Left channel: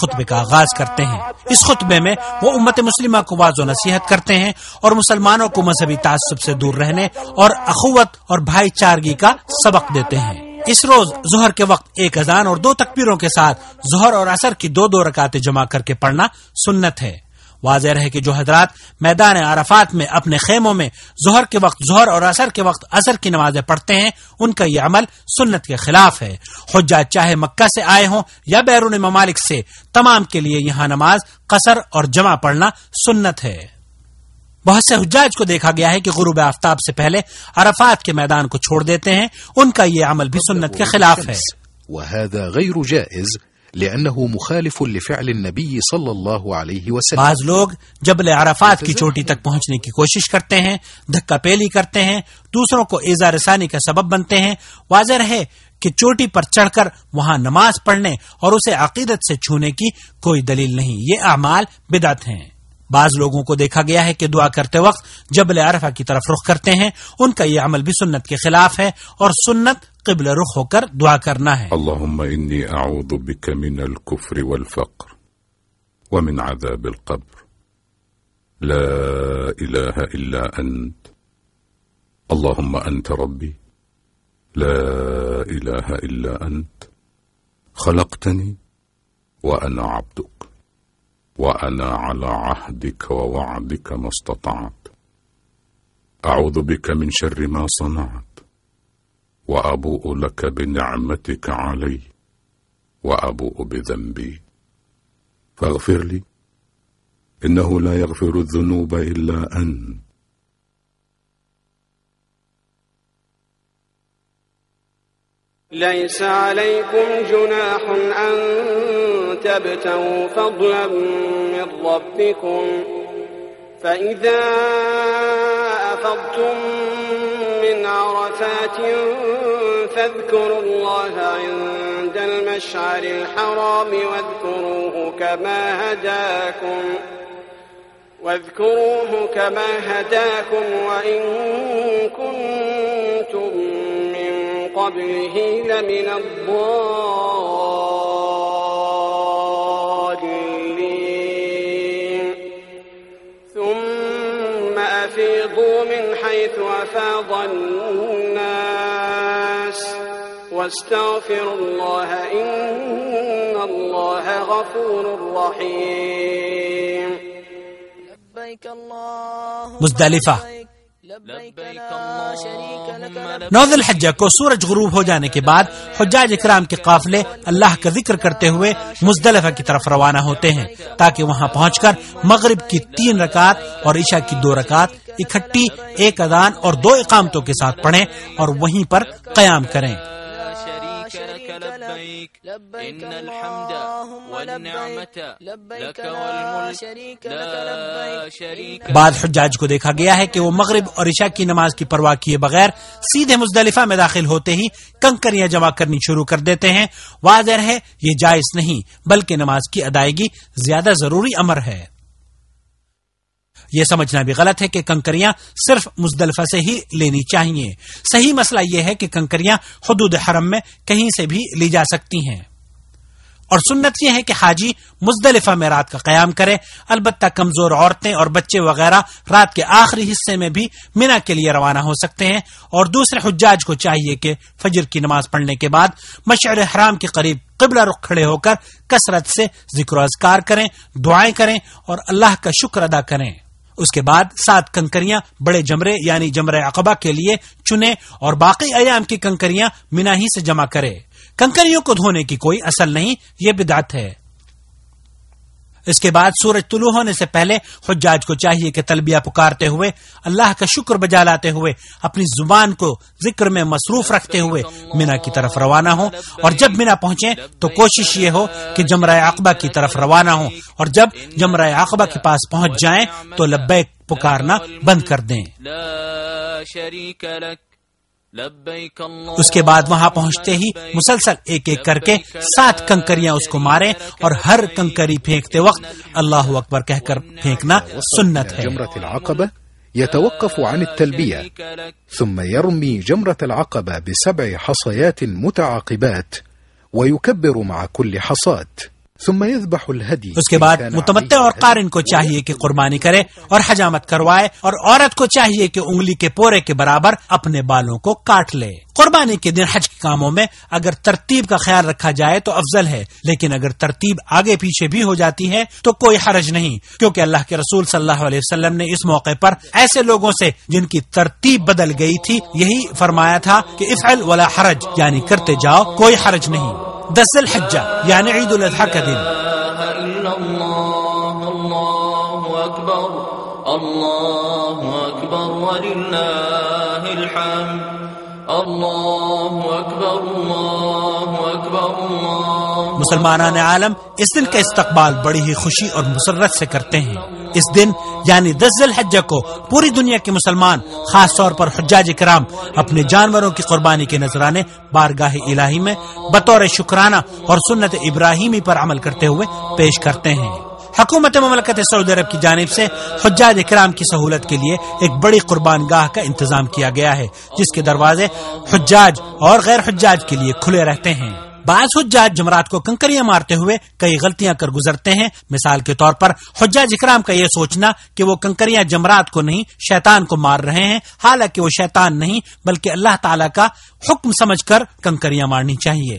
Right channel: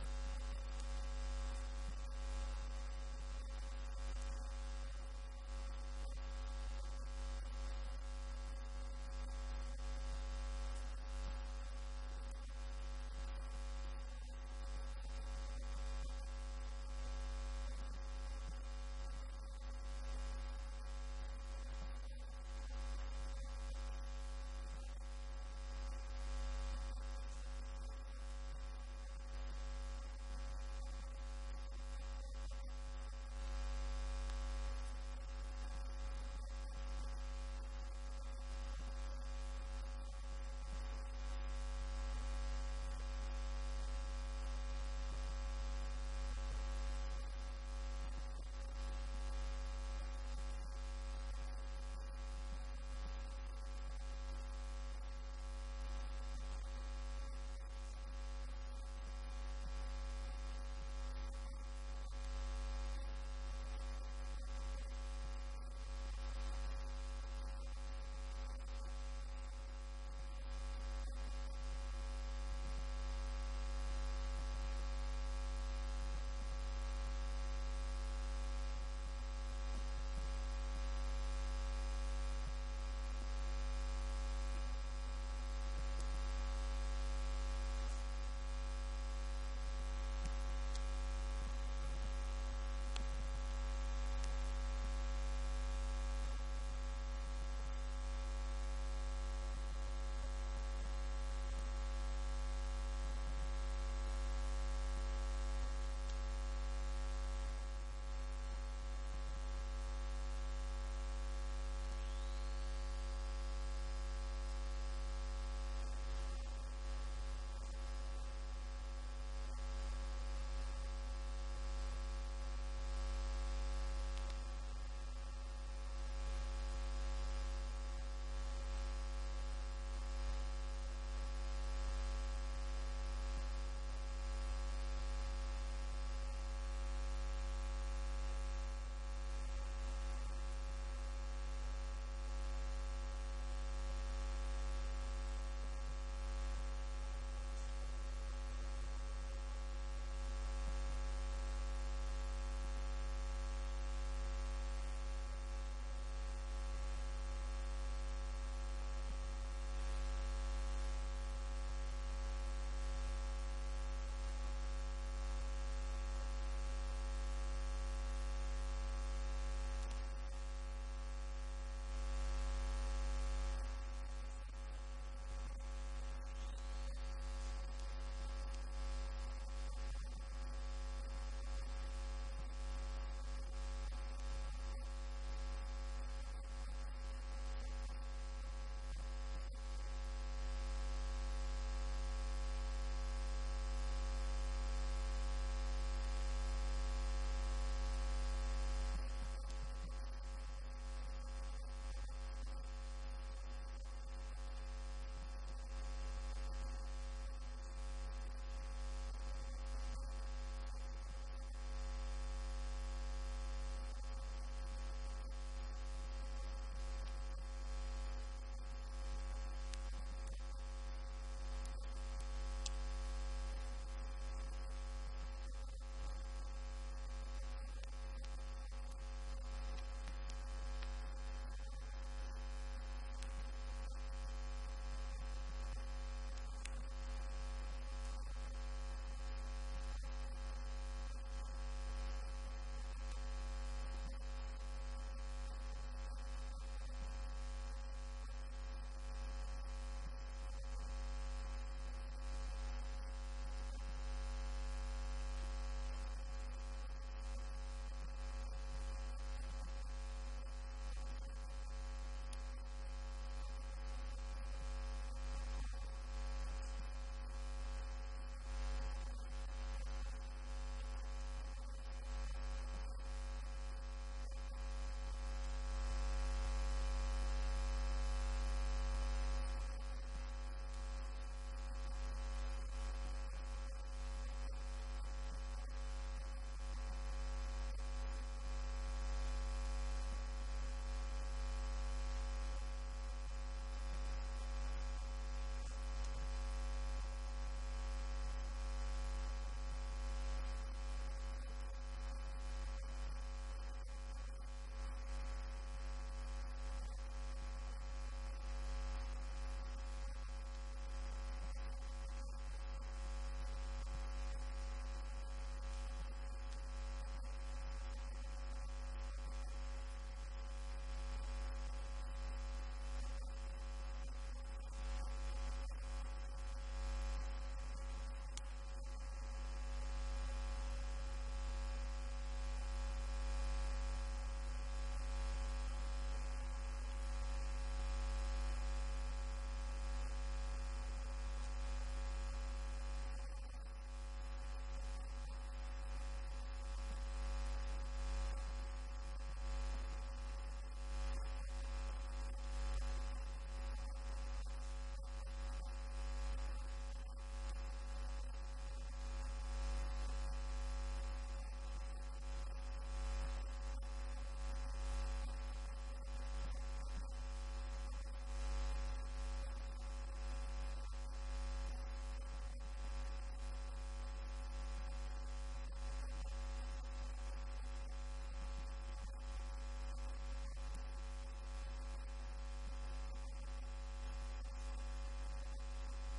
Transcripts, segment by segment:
خطبے کا آغاز کرتے ہیں۔ اس خطبے میں وہ امت مسلمہ کو واضح نصیحت کرتے ہیں اور مسلمانوں کو مذہبی تعصب سے دور رہنے اور اخوت اور بھائی چارگی کا سبق دیتے ہیں۔ اس روز ظہر کے وقت ایک اذان اور 2 تکبیروں کے ساتھ ظہر اور عصر کی 2 رکعتیں جمع کر کے پڑھنا سنت ہے۔ واضح رہے کہ جو حضرات میدان عرفات میں اپنے خیموں میں ظہر کے وقت ظہر اور عصر کے وقت عصر کی نمازیں پڑھتے ہیں، ان کا یہ عمل سنت کے خلاف ہے۔ حجاج چاہے مکہ سے آئے ہوں یا بیرون ممالک سے، تمام کے لیے یہاں نماز قصر اور جمع پڑھنا سنت ہے۔ بہت سے حجاج کو دیکھا گیا ہے کہ غروب آفتاب سے پہلے عرفات کے میدان کو چھوڑ دیتے ہیں، ان کا یہ عمل بھی سنت کے خلاف ہے۔ وهذا غير جائز لأنه مخالف لفعل النبي صلى الله عليه وسلم۔ بعض لوگ جبل عرفات کی چوٹی تک پہنچنے کی کوشش کرتے ہیں، دھکا پیلی کرتے ہیں، دوسروں کو ایذا رسانی کا سبب بنتے ہیں۔ واضح رہے کہ چوٹی پر چڑھ کر وہاں نماز پڑھنے اور اسے عقیدت سے چھونے کی کوئی دلیل نہیں، یہ اعمال بدعت ہیں۔ بعض لوگوں کو دیکھا گیا ہے کہ دعا کرتے وقت جبل عرفہ کی طرف رخ کرتے ہیں، ان کا یہ عمل بھی سنت کے خلاف ہے، اور سنت قبل رخ ہو کر دعا کرنا ہے۔ اللهم إني أعوذ بك من الكفر والفقر ومن عذاب القبر لا إله إلا أنت اللهم أنت ربي لا إله إلا أنت خلقتني وأنا عبدك وأنا على عهدك ووعدك ما استطعت أعوذ بك من شر ما صنعت وأبوء لك بنعمتك علي وأبوء بذنبي فاغفر لي إنه لا يغفر الذنوب إلا أنت ليس عليكم جناح أن تبتغوا فضلا من ربكم فإذا أفضتم من عرفات فاذكروا الله عند المشعر الحرام واذكروه كما هداكم وإن كنتم من قبله لمن الضالين ثم أفيضوا من حيث أفاض الناس واستغفروا الله إن الله غفور رحيم مزدلفہ 9 ذی الحجہ کو سورج غروب ہو جانے کے بعد حجاج اکرام کے قافلے اللہ کا ذکر کرتے ہوئے مزدلفہ کی طرف روانہ ہوتے ہیں تاکہ وہاں پہنچ کر مغرب کی 3 رکعت اور عشاء کی 2 رکعت اکٹھی ایک اذان اور 2 اقامتوں کے ساتھ پڑھیں اور وہیں پر قیام کریں۔ إن الحمد والنعمة لك والملك لا شريك لك۔ بعض حجاج کو دیکھا گیا ہے کہ وہ مغرب اور عشاء کی نماز کی پرواہ کیے بغیر سیدھے مزدلفہ میں داخل ہوتے ہی کنکریاں جمع کرنی شروع کر دیتے ہیں۔ واضح ہے یہ جائز نہیں بلکہ نماز کی ادائیگی زیادہ ضروری امر ہے۔ یہ سمجھنا بھی غلط ہے کہ کنکریاں صرف مزدلفہ سے ہی لینی چاہیے۔ صحیح مسئلہ یہ ہے کہ کنکریاں حدود حرم میں کہیں سے بھی لی جا سکتی ہیں، اور سنت یہ ہے کہ حاجی مزدلفہ میں رات کا قیام کرے۔ البتہ کمزور عورتیں اور بچے وغیرہ رات کے آخری حصے میں بھی مینا کے لیے روانہ ہو سکتے ہیں، اور دوسرے حجاج کو چاہیے کہ فجر کی نماز پڑھنے کے بعد مشعر حرام کے قریب قبلہ رخ کھڑے ہو کر کثرت سے ذکر و اذکار کریں، دعائیں کریں اور اللہ کا شکر ادا کریں۔ اس کے بعد 7 کنکریاں بڑے جمرے یعنی جمرہ عقبہ کے لیے چنے اور باقی ایام کی کنکریاں مینا ہی سے جمع کرے۔ کنکریوں کو دھونے کی کوئی اصل نہیں، یہ بدعت ہے۔ اس کے بعد سورج طلوع ہونے سے پہلے حجاج کو چاہیے کہ تلبیہ پکارتے ہوئے اللہ کا شکر بجا لاتے ہوئے اپنی زبان کو ذکر میں مصروف رکھتے ہوئے مینا کی طرف روانہ ہوں، اور جب مینا پہنچیں تو کوشش یہ ہو کہ جمرہ عقبہ کی طرف روانہ ہوں، اور جب جمرہ عقبہ کے پاس پہنچ جائیں تو لبیک پکارنا بند کر دیں۔ اس کے بعد وہاں پہنچتے ہی مسلسل ایک ایک کر کے 7 کنکریاں اس کو ماریں، اور ہر کنکری پھینکتے وقت اللہ اکبر کہہ کر پھینکنا سنت ہے۔ جمرة العقبة يتوقف عن التلبية ثم يرمي جمرة العقبة ب7 حصيات متعاقبات ويكبر مع كل حصاة ثم يذبح الهدي اس کے بعد متمتع اور قارن کو چاہیے کہ قربانی کرے اور حجامت کروائے، اور عورت کو چاہیے کہ انگلی کے پورے کے برابر اپنے بالوں کو کاٹ لے۔ قربانی کے دن حج کے کاموں میں اگر ترتیب کا خیال رکھا جائے تو افضل ہے، لیکن اگر ترتیب آگے پیچھے بھی ہو جاتی ہے تو کوئی حرج نہیں، کیونکہ اللہ کے رسول صلی اللہ علیہ وسلم نے اس موقع پر ایسے لوگوں سے جن کی ترتیب بدل گئی تھی یہی فرمایا تھا کہ افعل ولا حرج، یعنی کرتے جاؤ کوئی حرج نہیں۔ 10 ذی الحجہ یعنی عید الاضحیٰ کا دن۔ اللہ اکبر وللہ الحمد، اللہ اکبر اللہ اکبر اللہ۔ مسلمانان عالم اس دن کا استقبال بڑی ہی خوشی اور مسرت سے کرتے ہیں۔ اس دن یعنی 10 ذی الحجہ کو پوری دنیا کے مسلمان، خاص طور پر حجاج کرام، اپنے جانوروں کی قربانی کے نذرانے بارگاہ الہی میں بطور شکرانہ اور سنت ابراہیمی پر عمل کرتے ہوئے پیش کرتے ہیں۔ حکومت مملکت سعودی عرب کی جانب سے حجاج کرام کی سہولت کے لیے ایک بڑی قربان گاہ کا انتظام کیا گیا ہے، جس کے دروازے حجاج اور غیر حجاج کے لیے کھلے رہتے ہیں۔ بعض حجاج جمرات کو کنکریاں مارتے ہوئے کئی غلطیاں کر گزرتے ہیں۔ مثال کے طور پر حجاج اکرام کا یہ سوچنا کہ وہ کنکریاں جمرات کو نہیں شیطان کو مار رہے ہیں، حالانکہ وہ شیطان نہیں بلکہ اللہ تعالیٰ کا حکم سمجھ کر کنکریاں مارنی چاہیے۔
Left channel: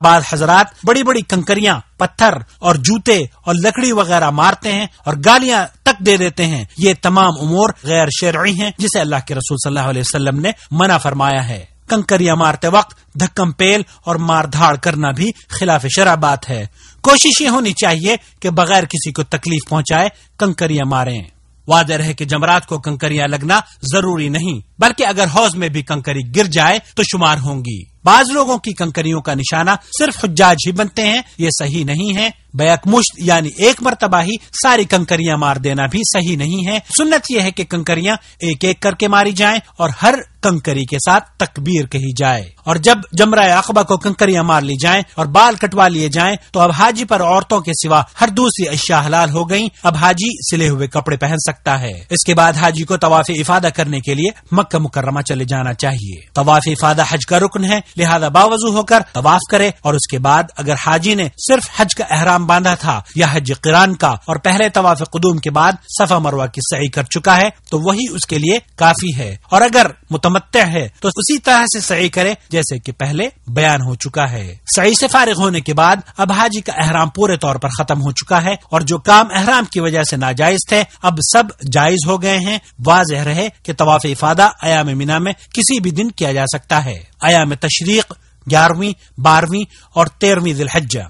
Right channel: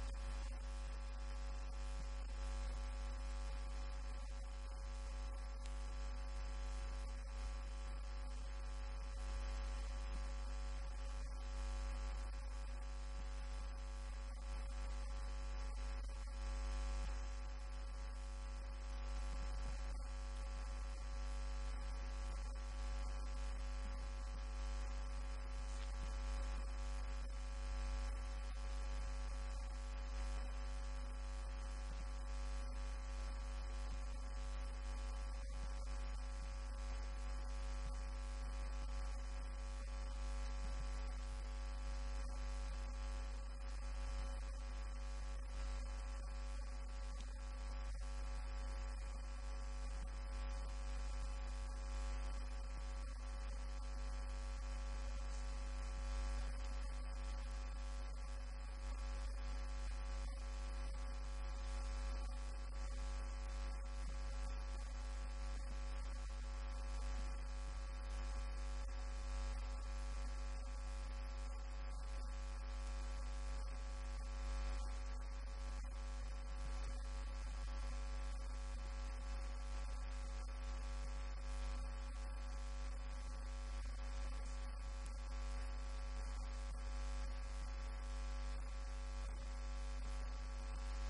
بعض حضرات بڑی بڑی کنکریاں، پتھر اور جوتے اور لکڑی وغیرہ مارتے ہیں اور گالیاں تک دے دیتے ہیں۔ یہ تمام امور غیر شرعی ہیں جسے اللہ کے رسول صلی اللہ علیہ وسلم نے منع فرمایا ہے۔ کنکریاں مارتے وقت دھکم پیل اور مار دھاڑ کرنا بھی خلاف شرع بات ہے۔ کوشش یہ ہونی چاہیے کہ بغیر کسی کو تکلیف پہنچائے کنکریاں ماریں۔ واضح ہے کہ جمرات کو کنکریاں لگنا ضروری نہیں، بلکہ اگر حوض میں بھی کنکری گر جائے تو شمار ہوں گی۔ بعض لوگوں کی کنکریوں کا نشانہ صرف حجاج ہی بنتے ہیں، یہ صحیح نہیں ہے۔ بیک مشت یعنی ایک مرتبہ ہی ساری کنکریاں مار دینا بھی صحیح نہیں ہے۔ سنت یہ ہے کہ کنکریاں ایک ایک کر کے ماری جائیں اور ہر کنکری کے ساتھ تکبیر کہی جائے، اور جب جمرہ عقبہ کو کنکریاں مار لی جائیں اور بال کٹوا لیے جائیں تو اب حاجی پر عورتوں کے سوا ہر دوسری اشیاء حلال ہو گئیں۔ اب حاجی سلے ہوئے کپڑے پہن سکتا ہے۔ اس کے بعد حاجی کو طواف افادہ کرنے کے لیے مکہ مکرمہ چلے جانا چاہیے۔ طواف افادہ حج کا رکن ہے، لہذا باوضو ہو کر طواف کرے، اور اس کے بعد اگر حاجی نے صرف حج کا احرام باندھا تھا یا حج قران کا اور پہلے طواف قدوم کے بعد صفا مروہ کی سعی کر چکا ہے تو وہی اس کے لیے کافی ہے، اور اگر متمتع ہے تو اسی طرح سے سعی کرے جیسے کہ پہلے بیان ہو چکا ہے۔ سعی سے فارغ ہونے کے بعد اب حاجی کا احرام پورے طور پر ختم ہو چکا ہے، اور جو کام احرام کی وجہ سے ناجائز تھے اب سب جائز ہو گئے ہیں۔ واضح رہے کہ طواف افادہ ایام مینا میں کسی بھی دن کیا جا سکتا ہے۔ ایام تشریق 11ویں، 12ویں اور 13ویں ذی الحجہ۔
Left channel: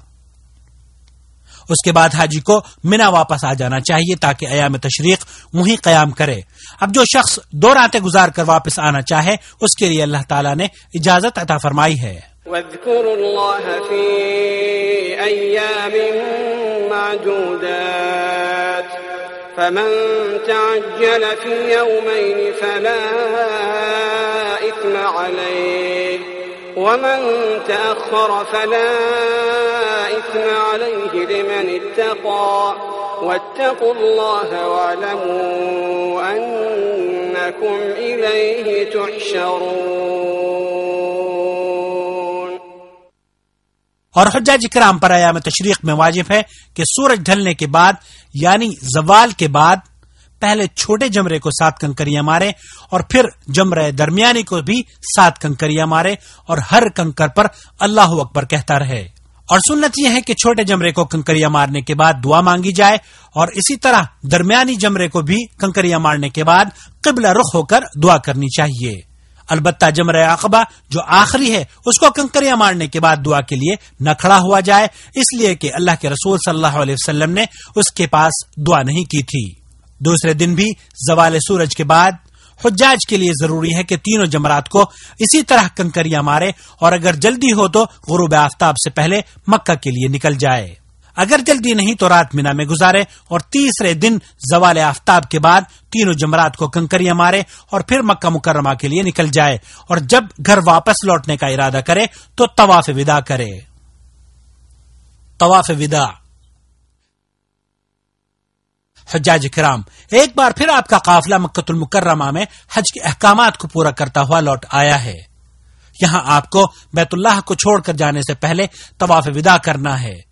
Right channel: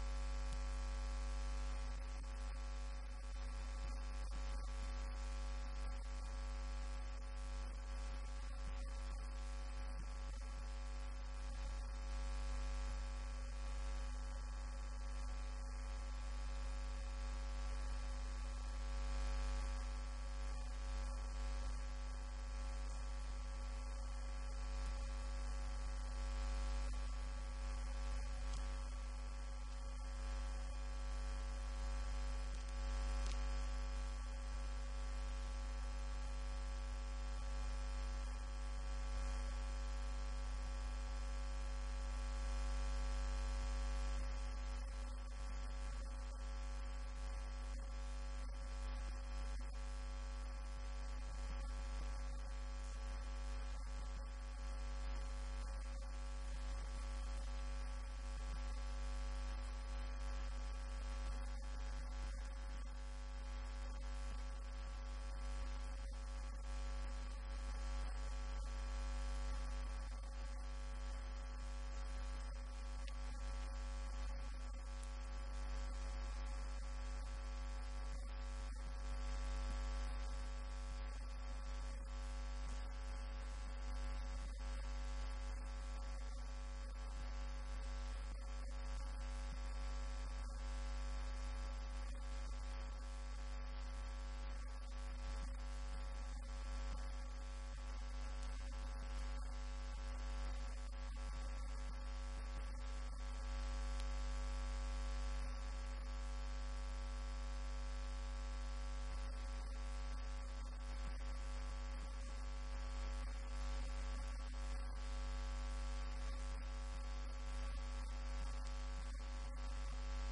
اس کے بعد حاجی کو مینا واپس آ جانا چاہیے تاکہ ایام تشریق وہیں قیام کرے۔ اب جو شخص 2 راتیں گزار کر واپس آنا چاہے اس کے لیے اللہ تعالیٰ نے اجازت عطا فرمائی ہے۔ واذكروا الله في أيام معدودات فمن تعجل في يومين فلا إثم عليه ومن تأخر فلا إثم عليه لمن اتقى واتقوا الله واعلموا أنكم إليه تحشرون۔ اور حجاج کرام پر ایام تشریق میں واجب ہے کہ سورج ڈھلنے کے بعد یعنی زوال کے بعد پہلے چھوٹے جمرے کو 7 کنکریاں مارے اور پھر جمرہ درمیانی کو بھی 7 کنکریاں مارے اور ہر کنکر پر اللہ اکبر کہتا رہے۔ اور سنت یہ ہے کہ چھوٹے جمرے کو کنکریاں مارنے کے بعد دعا مانگی جائے، اور اسی طرح درمیانی جمرے کو بھی کنکریاں مارنے کے بعد قبلہ رخ ہو کر دعا کرنی چاہیے۔ البتہ جمرہ عقبہ جو آخری ہے اس کو کنکریاں مارنے کے بعد دعا کے لیے نہ کھڑا ہوا جائے، اس لیے کہ اللہ کے رسول صلی اللہ علیہ وسلم نے اس کے پاس دعا نہیں کی تھی۔ دوسرے دن بھی زوال سورج کے بعد حجاج کے لیے ضروری ہے کہ تینوں جمرات کو اسی طرح کنکریاں مارے، اور اگر جلدی ہو تو غروب آفتاب سے پہلے مکہ کے لیے نکل جائے۔ اگر جلدی نہیں تو رات مینا میں گزارے اور تیسرے دن زوال آفتاب کے بعد تینوں جمرات کو کنکریاں مارے اور پھر مکہ مکرمہ کے لیے نکل جائے، اور جب گھر واپس لوٹنے کا ارادہ کرے تو طواف وداع کرے۔ طواف وداع۔ حجاج کرام، ایک بار پھر آپ کا قافلہ مکہ المکرمہ میں حج کے احکامات کو پورا کرتا ہوا لوٹ آیا ہے۔ یہاں آپ کو بیت اللہ کو چھوڑ کر جانے سے پہلے طواف وداع کرنا ہے۔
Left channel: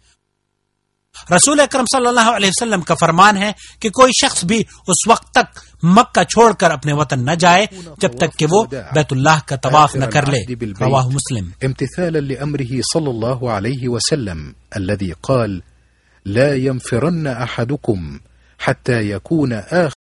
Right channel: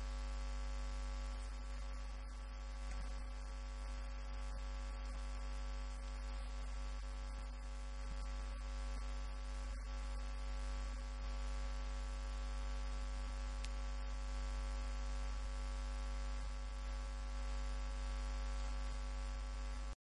رسول اکرم صلی اللہ علیہ وسلم کا فرمان ہے کہ کوئی شخص بھی اس وقت تک مکہ چھوڑ کر اپنے وطن نہ جائے جب تک کہ وہ بیت اللہ کا طواف نہ کر لے، رواہ مسلم۔ امتثالا لأمره صلى الله عليه وسلم الذي قال لا ينفرن أحدكم حتى يكون آخر